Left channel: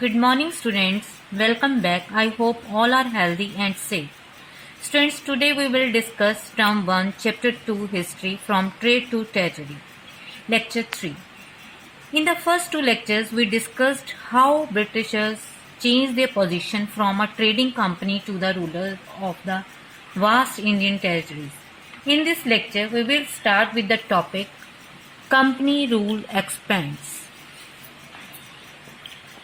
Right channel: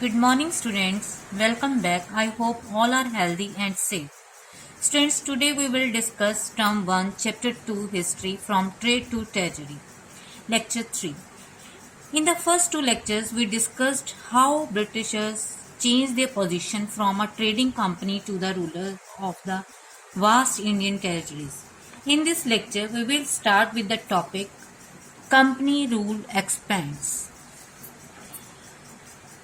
Good morning, students. Welcome back. I hope all are healthy and safe. Students, today we will discuss Term 1, Chapter 2, History from Trade to Territory. Lecture 3. In the first two lectures, we discussed how Britishers changed their position from a trading company to the ruler of the vast Indian territories. In this lecture, we will start with the topic Company Rule Expands.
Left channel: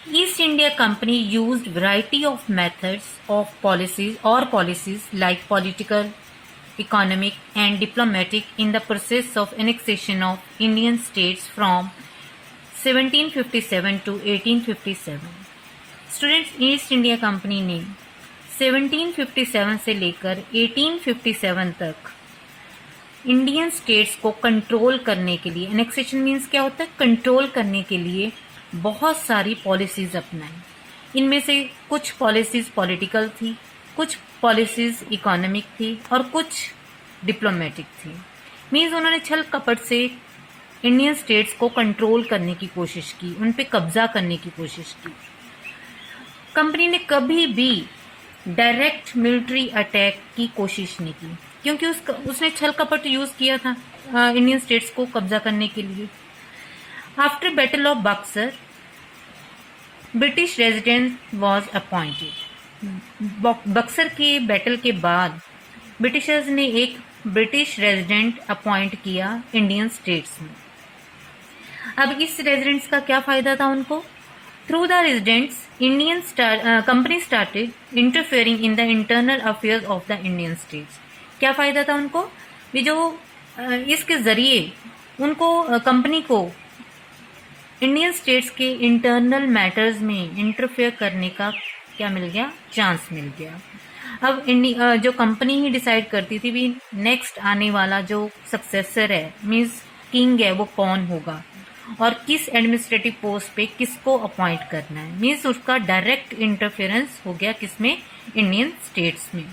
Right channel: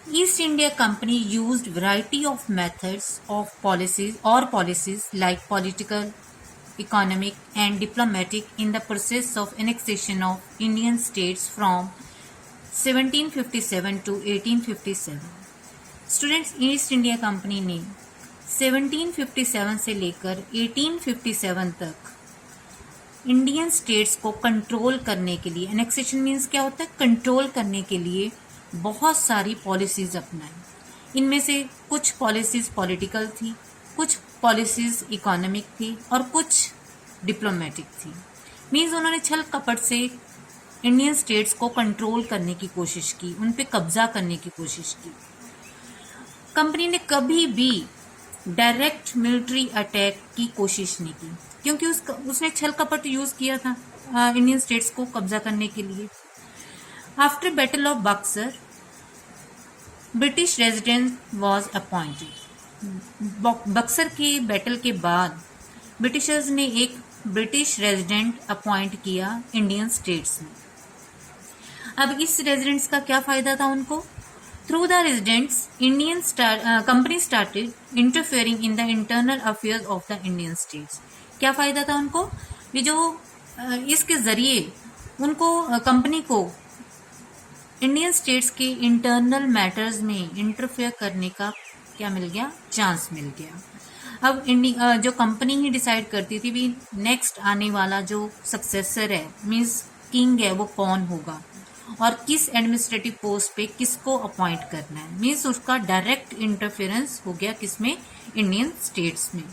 East India Company used variety of methods of policies like political, economic and diplomatic in the process of annexation of Indian states from 1757 to 1857. Students, east India company ने 1757 से लेकर 1857 तक Indian states को control करने के लिए, annexation means क्या होता है, कंट्रोल करने के लिए बहुत सारी पॉलिसीज अपनाई। इनमें से कुछ पॉलिसीज पॉलिटिकल थी, कुछ पॉलिसीज इकोनॉमिक थी और कुछ डिप्लोमेटिक थी। मीन्स उन्होंने छल कपट से इंडियन स्टेट्स को कंट्रोल करने की कोशिश की, उन पे कब्जा करने की कोशिश की। कंपनी ने कभी भी डायरेक्ट मिलिट्री अटैक की कोशिश नहीं की, क्योंकि उसने छल कपट यूज किया था इंडियन स्टेट्स को कब्जा करने के लिए। After battle of Buxar, British resident was appointed. Buxar के बैटल के बाद ब्रिटिशर्स ने एक ब्रिटिश रेजिडेंट अपॉइंट किया इंडियन स्टेट्स में। अब इस रेजिडेंट्स का क्या फायदा था उनको? Through the residents Indian company started interfering in the internal affairs of the Indian states. क्या फायदा था उनको? ये जो इसके जरिए उनको कंपनी को इंडियन स्टेट्स के इंटरनल मैटर्स में इंटरफेयर करने का क्या मिल गया? चांस मिल गया। अब जो कंपनी ही डिसाइड करती थी भी नेक्स्ट आने वाला जो सक्सेसर है, मीन्स किंग है, वो कौन होगा और किस एडमिनिस्ट्रेटिव पोस्ट पे किसको अपॉइंट करना है। मीन्स उसका डायरेक्ट इंटरफेरेंस हो गया किसमें? इंडियन स्टेट्स में।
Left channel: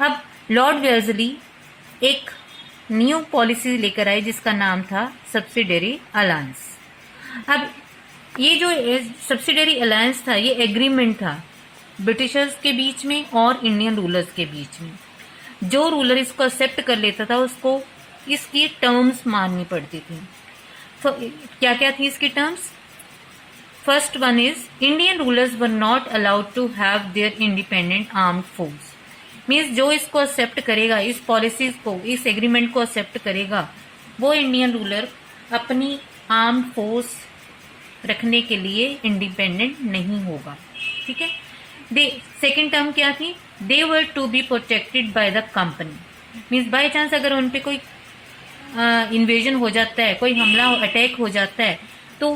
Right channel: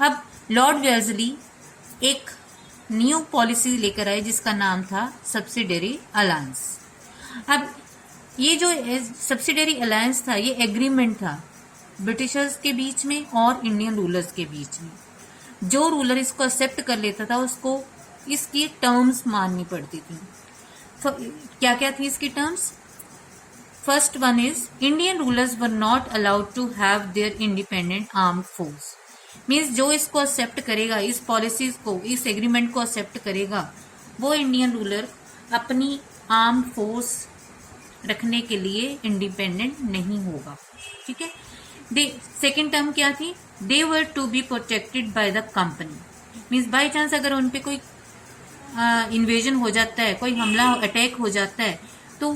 अब लॉर्ड वेल्जली एक न्यू पॉलिसी लेकर आए जिसका नाम था सब्सिडरी अलायंस। अब ये जो सब्सिडरी अलायंस था, ये एग्रीमेंट था ब्रिटिशर्स के बीच में और इंडियन रूलर्स के बीच में। जो रूलर इसको एक्सेप्ट कर लेता था उसको इसकी टर्म्स माननी पड़ती थी। तो क्या क्या थी इसकी terms? First one is Indian rulers were not allowed to have their independent armed force. Means जो इसको एक्सेप्ट करेगा, इस पॉलिसीज को, इस एग्रीमेंट को एक्सेप्ट करेगा, वो इंडियन रूलर अपनी आर्म्ड फोर्स रखने के लिए इंडिपेंडेंट नहीं होगा। ठीक है। सेकेंड टर्म क्या थी? They were to be protected by the company. Means by chance अगर उन पे कोई इन्वेजन हो जाता है, कोई हमला अटैक हो जाता है, तो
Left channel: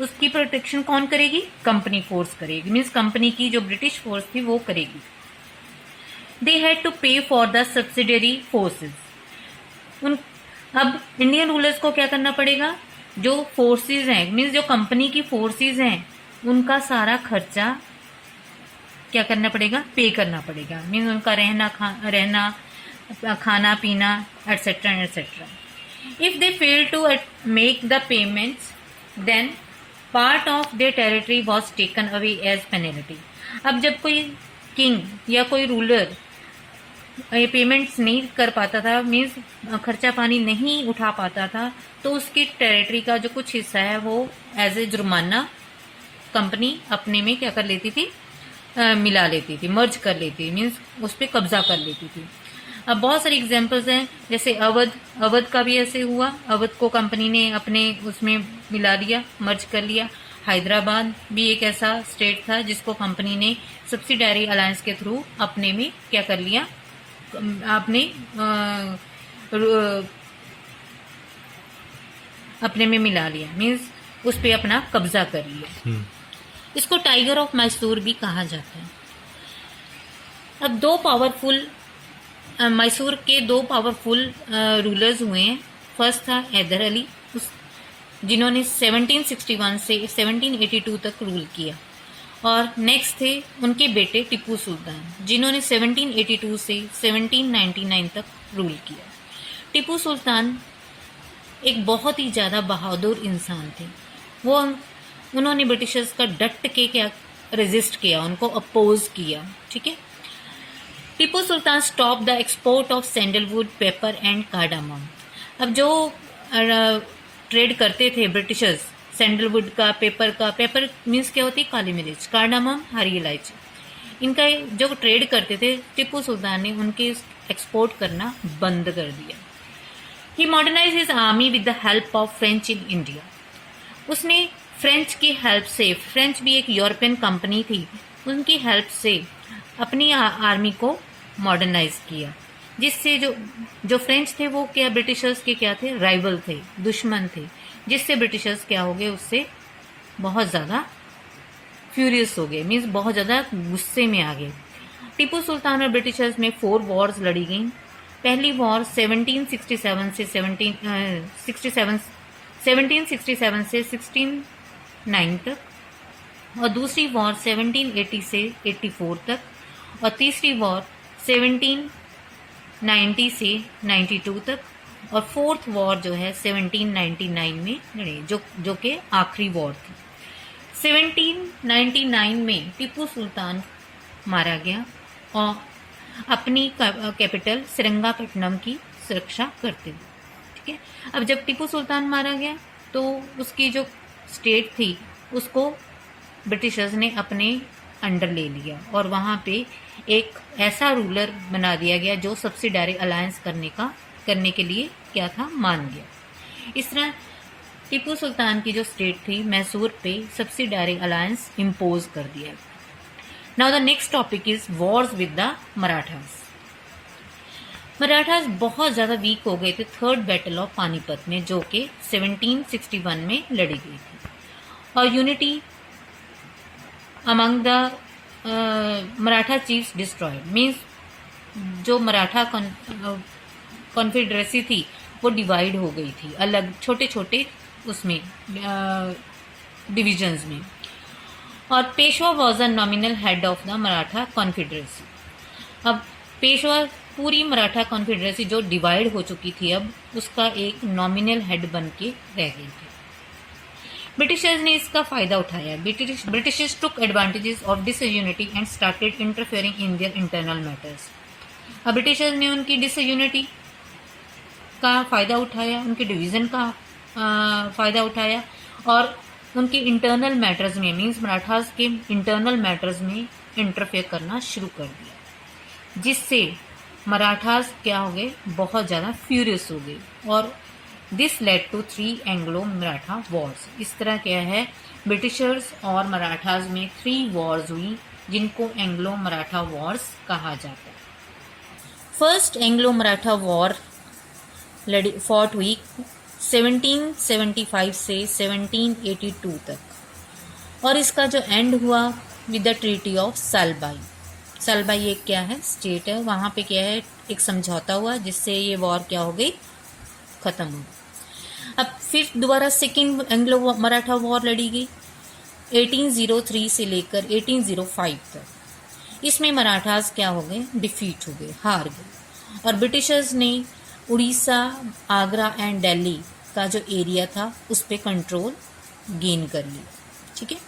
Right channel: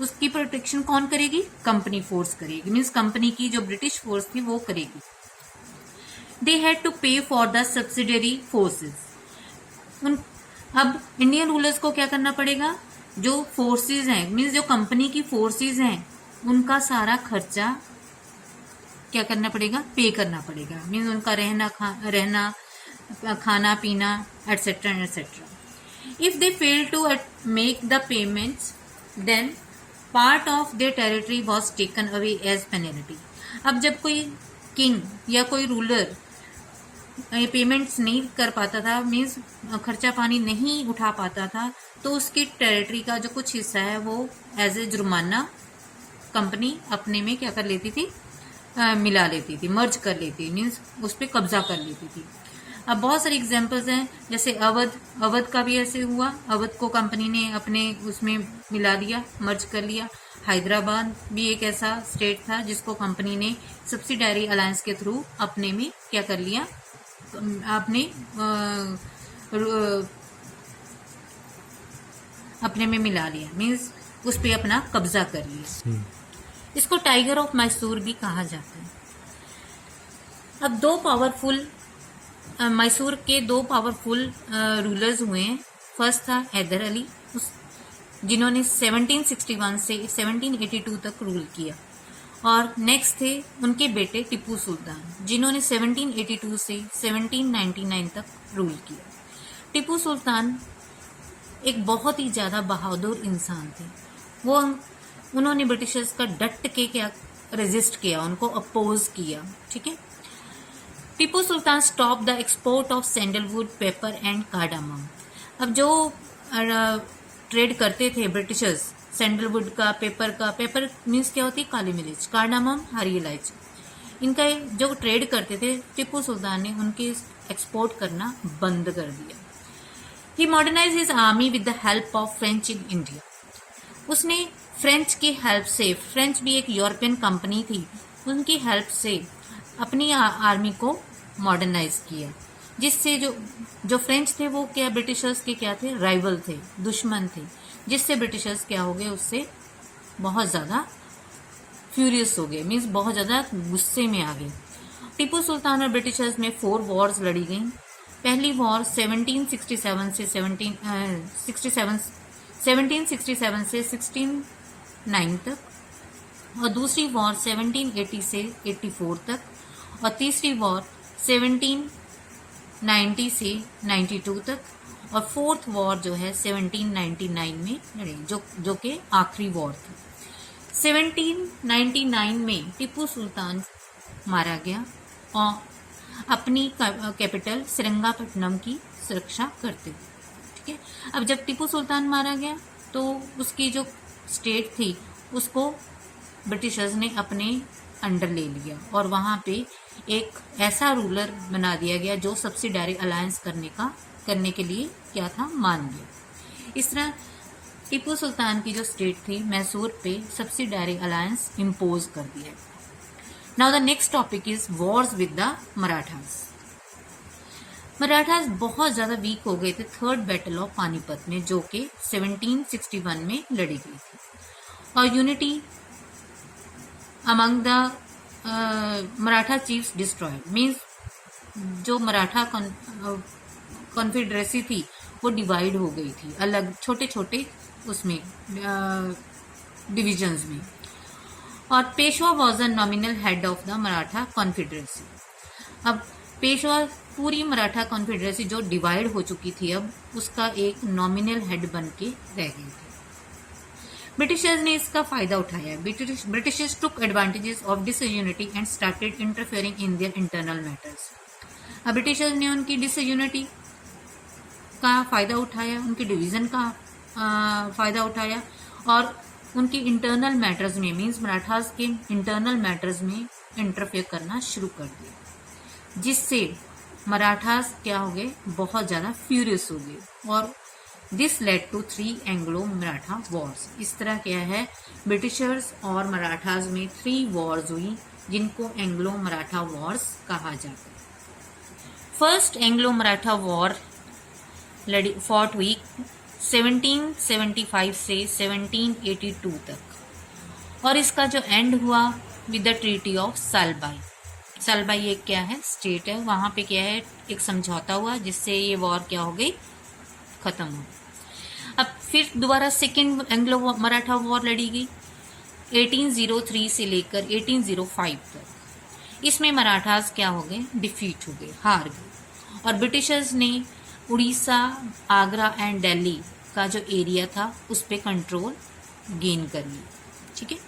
उसकी प्रोटेक्शन कौन करेगी? कंपनी फोर्स करेगी। मीन्स कंपनी की जो ब्रिटिश फोर्स थी वो करेगी। दे हैड टू पे फॉर द सब्सिडरी फोर्सेस। अब इंडियन रूलर्स को क्या करना पड़ेगा? जो फोर्सेस हैं, मीन्स जो कंपनी की फोर्सेस हैं, उनका सारा खर्चा क्या करना पड़ेगा? पे करना पड़ेगा। मीन्स उनका रहना खाना पीना et cetera et cetera. If they fail to make the payments then part of their territory was taken away as penalty. अब जब कोई किंग या कोई रूलर ये पेमेंट्स नहीं कर पाता था, मीन्स खर्चा पानी नहीं उठा पाता था, तो उसकी टेरिटरी का जो कुछ हिस्सा है वो एज ए जुर्माना कंपनी अपने में क्या कर लेती थी? मिला लेती थी, मर्ज कर लेती थी, मीन्स उस पर कब्जा कर लेती थी। अब बहुत सारी एग्जांपल्स हैं, जैसे अवध का भी ऐसे हुआ। अवध को कंपनी ने अपने उसमें मिला लिया, मर्ज कर लिया। हैदराबाद भी एक ऐसा स्टेट था जिसको कंपनी ने सब्सिडरी अलायंस के थ्रू अपने में क्या कर लिया? अपने में मिला लिया, मीन्स उस पे अपना कब्जा कर लिया। इसको टाइगर ऑफ मैसूर भी कहा जाता है। अब मैसूर के दो पावरफुल रूलर्स हुए हैं। फर्स्ट था हैदर अली, जिन्होंने 1761 से 1782 तक रूल किया, और नेक्स्ट थे उनके बेटे टिप्पू सुल्तान, जिन्होंने 1782 से 1799 तक रूल किया। टिप्पू सुल्तान एक बहुत ही ज़्यादा बहादुर इंसान थे। वो उन्होंने ब्रिटिशर्स का डट के क्या रेजिस्ट किया, उनको अपोज किया। ठीक है। Tipu Sultan stop the export of sandalwood, pepper and cardamom. अब जो ट्रेड करते थे ब्रिटिशर्स सैंडलवुड का, पेपर मीन्स क्या होती है, काली मिर्च, कार्डामम हरी इलायची, इनका जो ट्रेड करते थे टीपू सुल्तान ने उनके एक्सपोर्ट करना बंद कर दिया। He modernize his army with the help of French in India. उसने फ्रेंच की हेल्प से, फ्रेंच भी एक यूरोपियन कंपनी थी, उनकी हेल्प से अपनी आर्मी को मॉडर्नाइज किया, जिससे जो फ्रेंच थे वो क्या ब्रिटिशर्स के क्या थे, राइवल थे, दुश्मन थे, जिससे ब्रिटिशर्स क्या हो गए, उससे बहुत ज़्यादा फ्यूरियस हो गए, मीन्स बहुत ज़्यादा गुस्से में आ गए। टीपू सुल्तान और ब्रिटिशर्स में 4 वॉर्स लड़ी गई। पहली वॉर 1767 से 1609 तक, और दूसरी वॉर 1780 से 84 तक, और तीसरी वॉर 1790 से 92 तक, और फोर्थ वॉर जो है 1799 में लड़ी, जो कि आखिरी वॉर थी। 1799 में टीपू सुल्तान मारा गया और अपनी कैपिटल श्रीरंगपट्टनम की सुरक्षा करते हुए। ठीक है। अब जब टीपू सुल्तान मारा गया तो उसकी जो स्टेट थी उसको ब्रिटिशर्स ने अपने अंडर ले लिया, और वहाँ पे एक ऐसा रूलर बना दिया गया जो सब्सिडारी अलायंस करने के लिए क्या था, मान गया। इस तरह टीपू सुल्तान की जो स्टेट थी मैसूर पे सब्सिडारी अलायंस इम्पोज कर दिया। Now the next topic is Wars with the Marathas. Marathas बहुत ज़्यादा वीक हो गए थे थर्ड बैटल ऑफ पानीपत में, जो कि 1761 में लड़ी गई थी, और unity among the Maratha chiefs destroyed, means जो मराठा कॉन्फेडरेसी थी वो डिवाइड हो गई थी, अलग छोटे छोटे उसमें डिविजन्स में। और Peshwa was a nominal head of the Maratha confederacy. अब पेशवा पूरी मराठा कॉन्फेडरेसी जो डिवाइड हो चुकी थी, अब उसका एक नॉमिनल हेड बन के रह गई थी। ब्रिटिशर्स ने इसका फायदा उठाया। Britishers took advantages of disunity and started interfering in their internal matters. अब ब्रिटिशर्स ने उनकी डिसयूनिटी का फायदा उठाया, उनके डिवीजन का फायदा उठाया, और उनके इंटरनल मैटर्स में, मीन्स मराठास के इंटरनल मैटर्स में इंटरफेयर करना शुरू कर दिया, जिससे मराठास क्या हो गए, बहुत ज़्यादा फ्यूरियस हो गए, और this led to 3 Anglo Maratha wars. इस तरह क्या है, ब्रिटिशर्स और मराठास में 3 वॉर्स हुई, जिनको एंग्लो मराठा वॉर्स कहा जाता है। First Anglo Maratha war fought हुई 1775 से 1782 तक, और इसका जो एंड हुआ with the treaty of Salbai. Salbai एक क्या है, स्टेट है, वहां पे क्या है, एक समझौता हुआ जिससे ये वॉर क्या हो गई, खत्म हो। अब फिर दोबारा सेकेंड एंग्लो मराठा वॉर लड़ी गई 1803 से लेकर 1805 तक। इसमें मराठास क्या हो गए, डिफीट हो गए, हार गए, और ब्रिटिशर्स ने उड़ीसा, आगरा एंड दिल्ली का जो एरिया था उस पर कंट्रोल गेन कर लिया। ठीक है।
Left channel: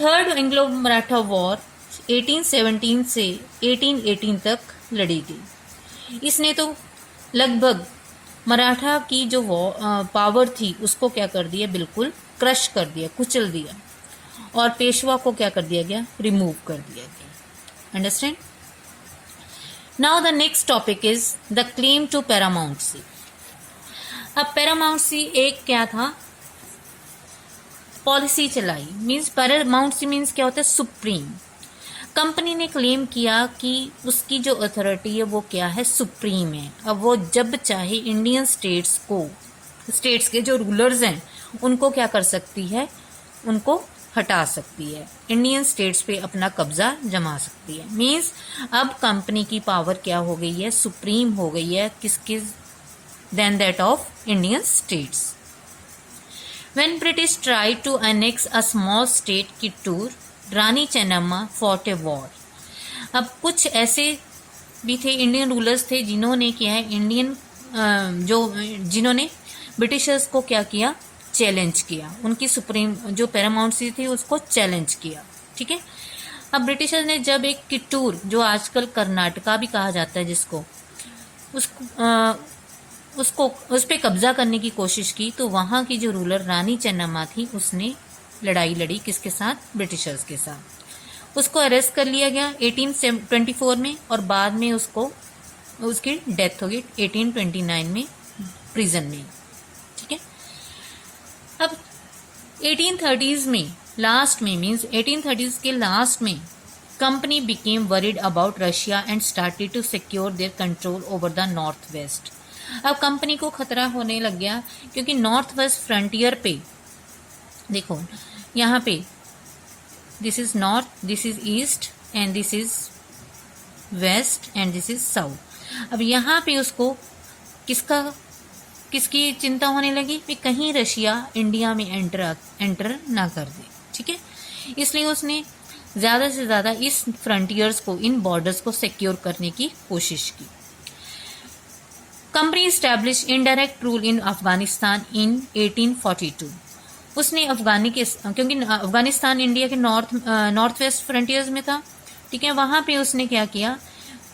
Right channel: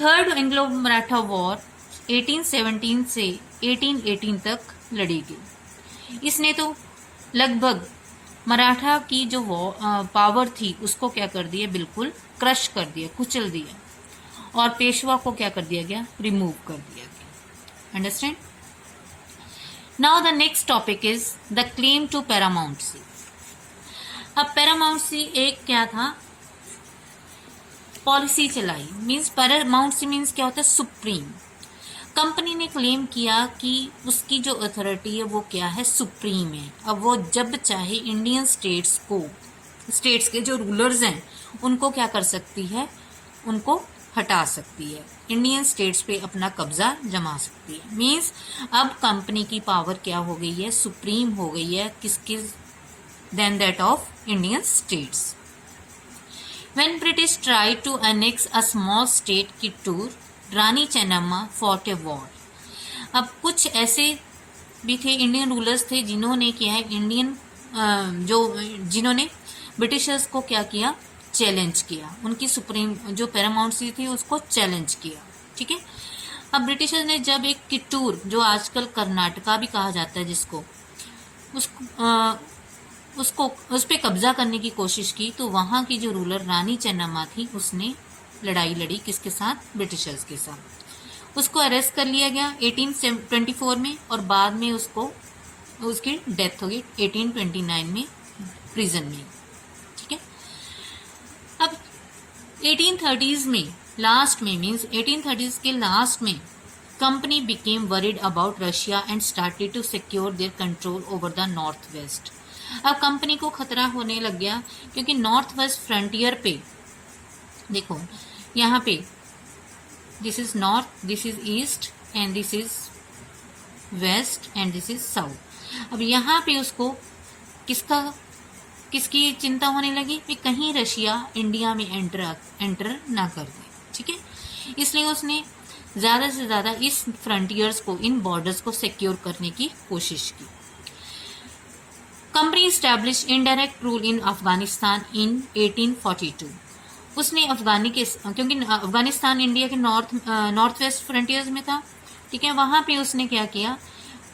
थर्ड एंग्लो मराठा वॉर 1817 से 1818 तक लड़ी गई। इसने तो लगभग मराठा की जो पावर थी उसको क्या कर दिया, बिल्कुल क्रश कर दिया, कुचल दिया, और पेशवा को क्या कर दिया गया, रिमूव कर दिया गया। Understand. Now the next topic is the claim to paramountcy. अब पैरामाउंटसी एक क्या था, पॉलिसी चलाई, मीन्स पैरामाउंटसी मीन्स क्या होता है, सुप्रीम। कंपनी ने क्लेम किया कि उसकी जो अथॉरिटी है वो क्या है, सुप्रीम है। अब वो जब चाहे इंडियन स्टेट्स के जो रूलर्स हैं उनको क्या कर सकती है, उनको हटा सकती है, इंडियन स्टेट्स पे अपना कब्जा जमा सकती है। मीन्स अब कंपनी की पावर क्या हो गई है, सुप्रीम हो गई है, किसकी, then that of Indian states. When British tried to annex a small state Kittur, Rani Chennamma fought a war. अब कुछ ऐसे भी थे इंडियन रूलर्स थे जिन्होंने क्या है, जिन्होंने ब्रिटिशर्स को क्या किया, चैलेंज किया, उनकी सुप्रीम जो पैरामाउंसी थी उसको चैलेंज किया। ठीक है। अब ब्रिटिशर्स ने जब एक किट्टूर, जो आजकल कर्नाटका भी कहा जाता है जिसको, उसको उस पे कब्जा करने की कोशिश की, तो वहां की जो रूलर रानी चेन्नम्मा थी उसने लड़ाई लड़ी किसके साथ? ब्रिटिशर्स के साथ। उसको अरेस्ट कर लिया गया 1824 में और बाद में उसकी डेथ हो गई 1829 में प्रिजन में। ठीक है। अब 1830s में लास्ट में, मीन्स 1830s के लास्ट में, company became worried about Russia and started to secure their control over the north west. अब कंपनी को खतरा होने लग गया क्योंकि नॉर्थ वेस्ट फ्रंटियर पे देखो, यहाँ पे this is north, this is east and this is west and this is south. अब यहाँ पे उसको किसकी चिंता होने लगी कि कहीं रशिया इंडिया में एंटर ना कर दे। ठीक है। इसलिए उसने ज्यादा से ज्यादा इस फ्रंटियर्स को, इन बॉर्डर्स को सिक्योर करने की कोशिश की। Company establish indirect rule in Afghanistan in 1842। उसने क्योंकि अफगानिस्तान इंडिया के नॉर्थ वेस्ट फ्रंटियर्स में था। ठीक है। वहां पे उसने क्या किया,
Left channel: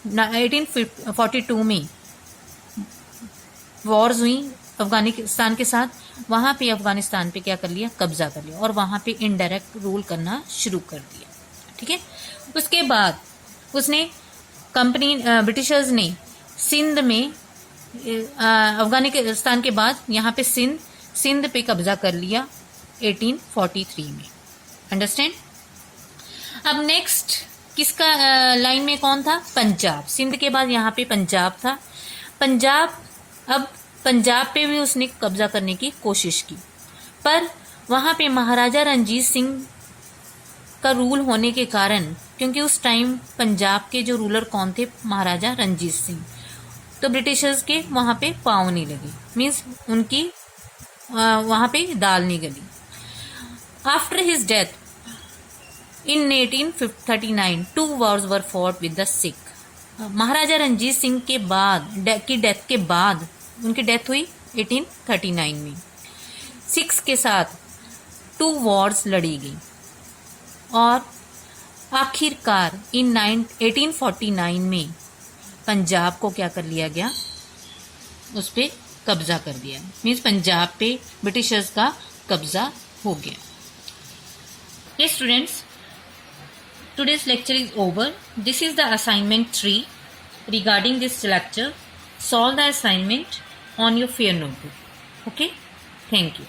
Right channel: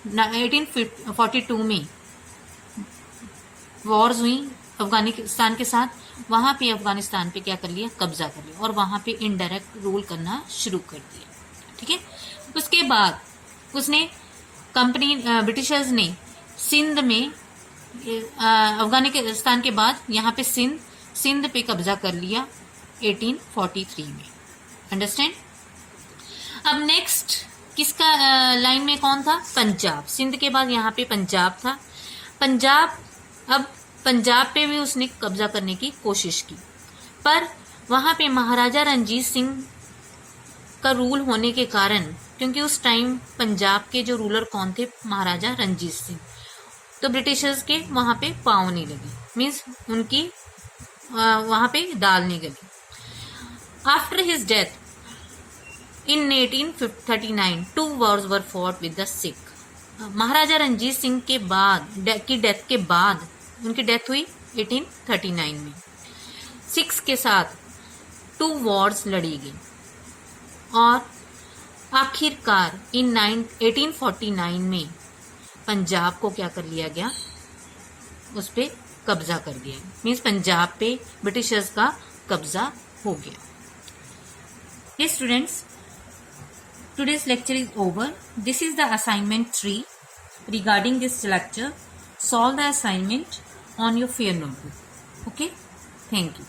1842 में वॉर्स हुई अफगानिस्तान के साथ, वहां पे अफगानिस्तान पे क्या कर लिया? कब्जा कर लिया और वहां पे इनडायरेक्ट रूल करना शुरू कर दिया। ठीक है। उसके बाद उसने ब्रिटिशर्स ने सिंध में, अफगानिस्तान के बाद यहाँ पे सिंध पे कब्जा कर लिया 1843 में। अंडरस्टैंड। अब नेक्स्ट किसका लाइन में कौन था? पंजाब। सिंध के बाद यहाँ पे पंजाब था। पंजाब पे भी उसने कब्जा करने की कोशिश की, पर वहां पे महाराजा रणजीत सिंह का रूल होने के कारण, क्योंकि उस टाइम पंजाब के जो रूलर कौन थे? महाराजा रणजीत सिंह, तो ब्रिटिशर्स के वहां पे पाँव नहीं लगी, मीन्स उनकी वहां पे दाल नहीं गली। After his death in 1839 2 wars were fought with the Sikh. Maharaja Ranjit Singh के डेथ के बाद, उनकी डेथ हुई 1839 में, सिख्स के साथ 2 wars लड़ी गई और आखिरकार इन 1849 में पंजाब को क्या कर लिया गया? उस पे कब्जा कर दिया, मीन्स पंजाब पे ब्रिटिशर्स का कब्जा हो गया। ये students, today's lecture is over. This is the assignment 3. Regarding this lecture, solve the assignment on your fair notebook. Okay? Thank you.